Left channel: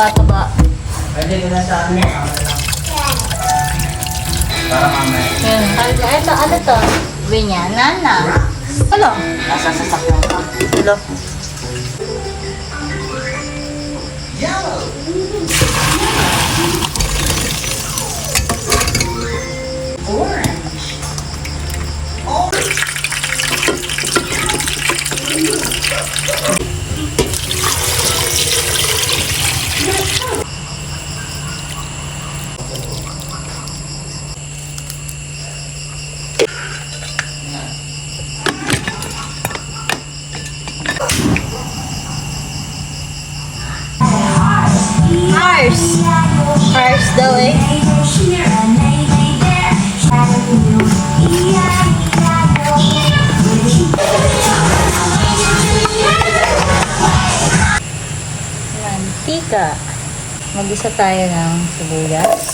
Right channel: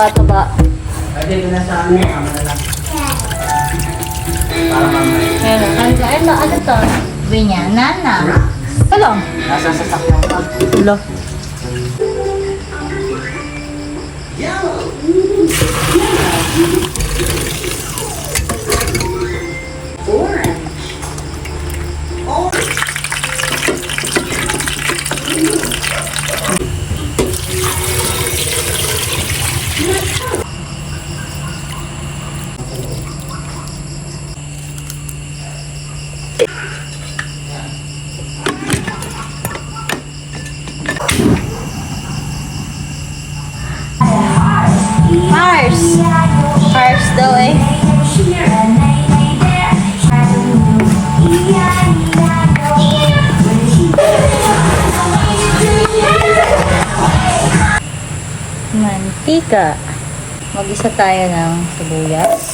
taba-taba. Ay, dito na sa amin. Kama na lang. Para mamaya. Ano to? Binya, nana. Ano? Nasa sasakyan ko. Hello. Mars! Mars daw eh. Mantika. Mag-isa tayo ng sibuyas.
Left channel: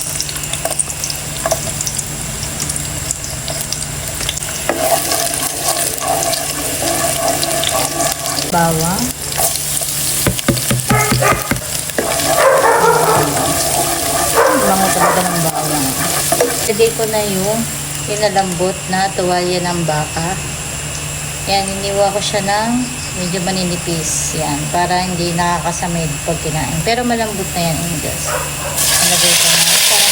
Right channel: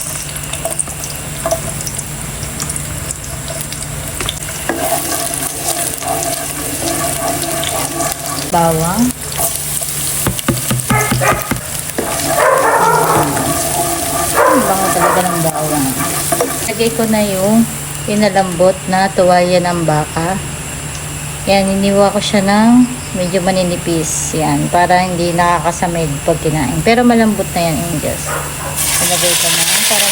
Bawang. Lagay ko na yung pinalambot na tuwalya ng baka. Yan, iniwa ko siya ng medyo maninipis. Yan, para hindi nakakasamig pag kinain. Pero malambot na yan, Angels. Lagay ko na para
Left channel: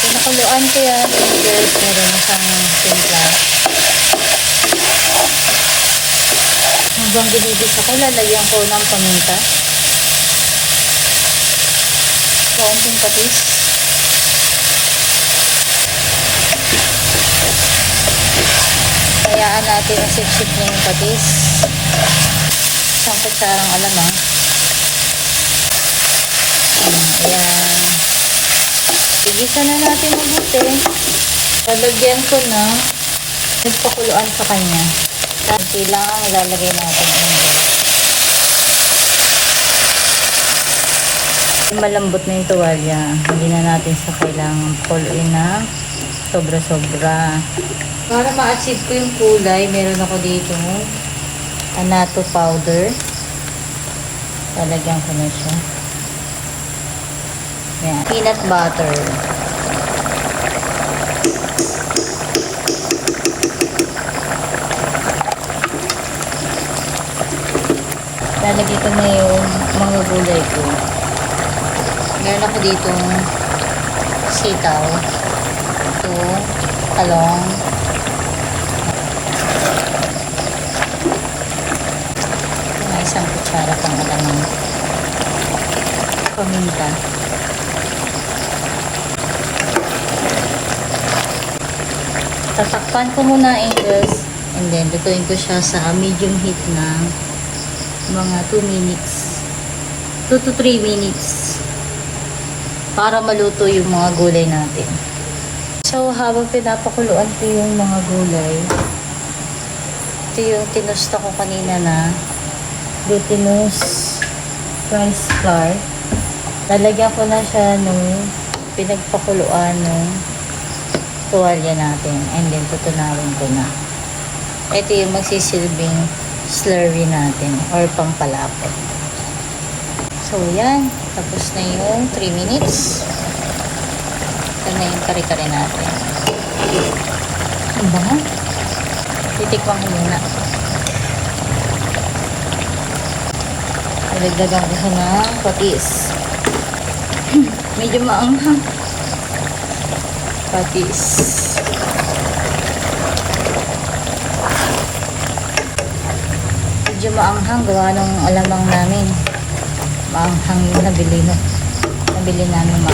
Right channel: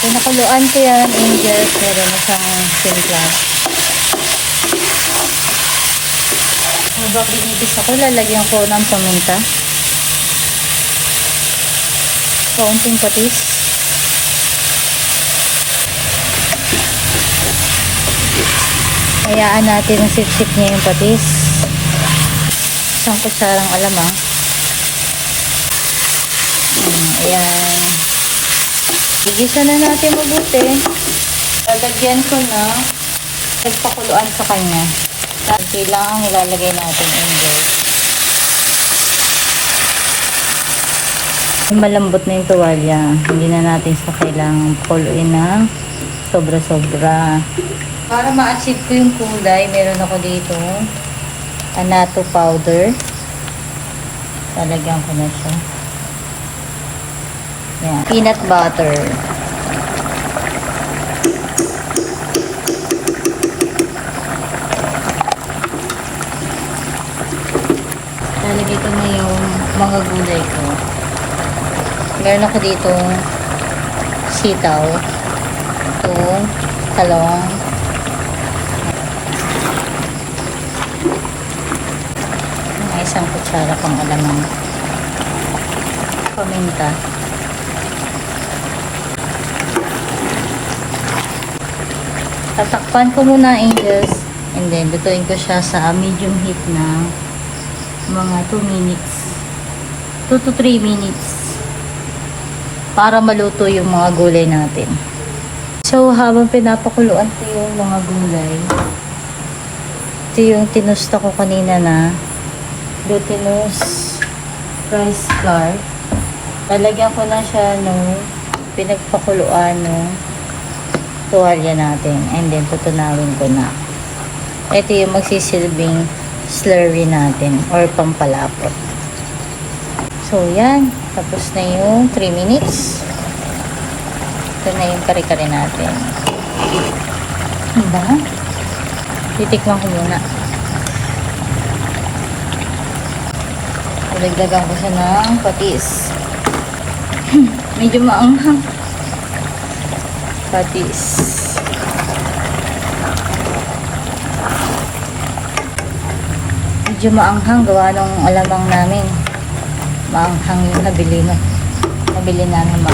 pinakaluan ko yan, Angels. Lagay na siyang sila. Habang binibis ako, lalagyan ko ng pamunta. Kaunting patis. Hayaan natin ang sip-sip niya yung patis. Isang kutsarang alam ha. Ayan. Igisa na natin mabuti. Lalagyan ko na nagpakuluan sa kanya. Tanti lang ang ilalagay natin. Malambot na yung tuwalya. Hindi na natin sa kailangang pull-in na sobra-sobra. Para ma-achieve ko yung kulay, meron ako dito annatto powder. Lalagyan ko na siya. Yan. Peanut butter. Lalagyan ko na yung mga gulay ko. Meron ako dito sitaw, talong, isang kutsara ng paminta. Tatakpan ko muna, Angels, and then lutuin ko siya sa medium heat na mga 2 minutes, 2 to 3 minutes. Para maluto yung mga gulay natin. So, habang pinapakuluan ko yung mga gulay, ito yung tinusta ko kanina na glutinous rice flour. Lalagyan ko na siya ng pinagpakuluan ng tuwalya natin. And then, tutunawin ko na. Ito yung magsisilbing slurry natin or pampalapot. So, yan. Tapos na yung 3 minutes. Ito na yung kare-kare natin. Diba? Titikman ko na. Nagdagang ko ng patis. Medyo maanghang. Patis. Medyo maanghang. Gawa nung alamang namin. Maanghang yung nabili namin.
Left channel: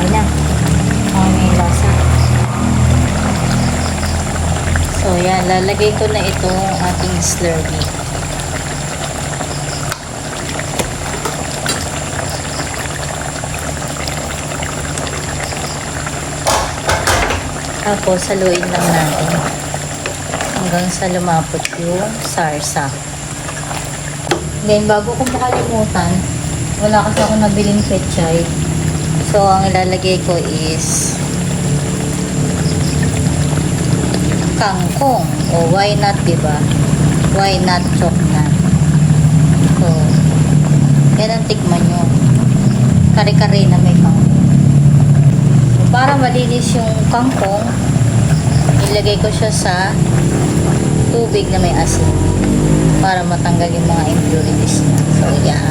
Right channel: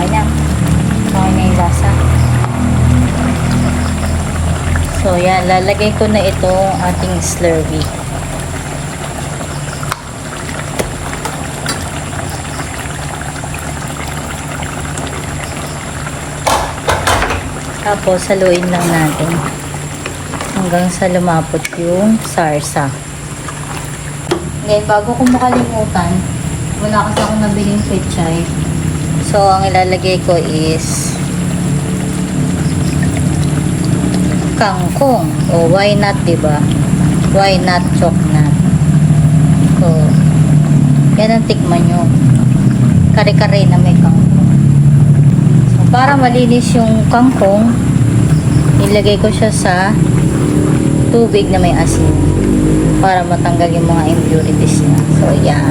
Ganyan. May lasa. So yan, lalagay ko na ito ang ating slurry. Tapos saluin na natin hanggang sa lumapot yung sarsa. Then, bago ko makalimutan, wala kasi akong nabiling pechay. So, ang ilalagay ko is Why not, diba? Why not chok na? So, yan ang tikman nyo. Kare-kare na may. Para malinis yung kangkong, ilagay ko siya sa tubig na may asin para matanggal yung mga impurities niya. So, yan.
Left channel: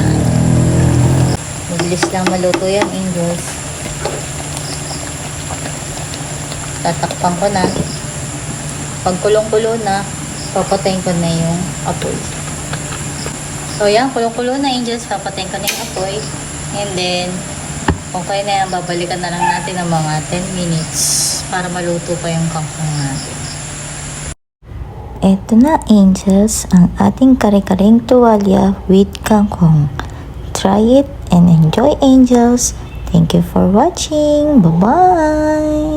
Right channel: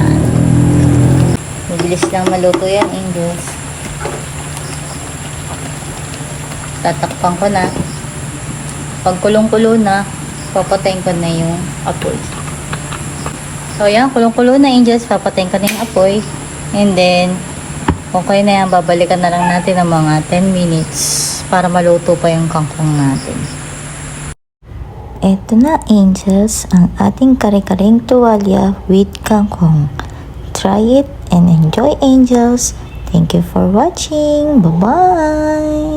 Mabilis lang maluto yan, Angels. Tatakpan ko na. Pag kulong-kulo na, papatayin ko na yung apoy. So, yan. Kulong-kulo na, Angels. Papatayin ko na yung apoy. And then, okay na yan. Babalikan na lang natin ng mga 10 minutes para maluto pa yung kangkong natin. Eto na, Angels, ang ating kare-kareng tuwalya with kangkong. Try it and enjoy, Angels. Thank you for watching. Bye-bye!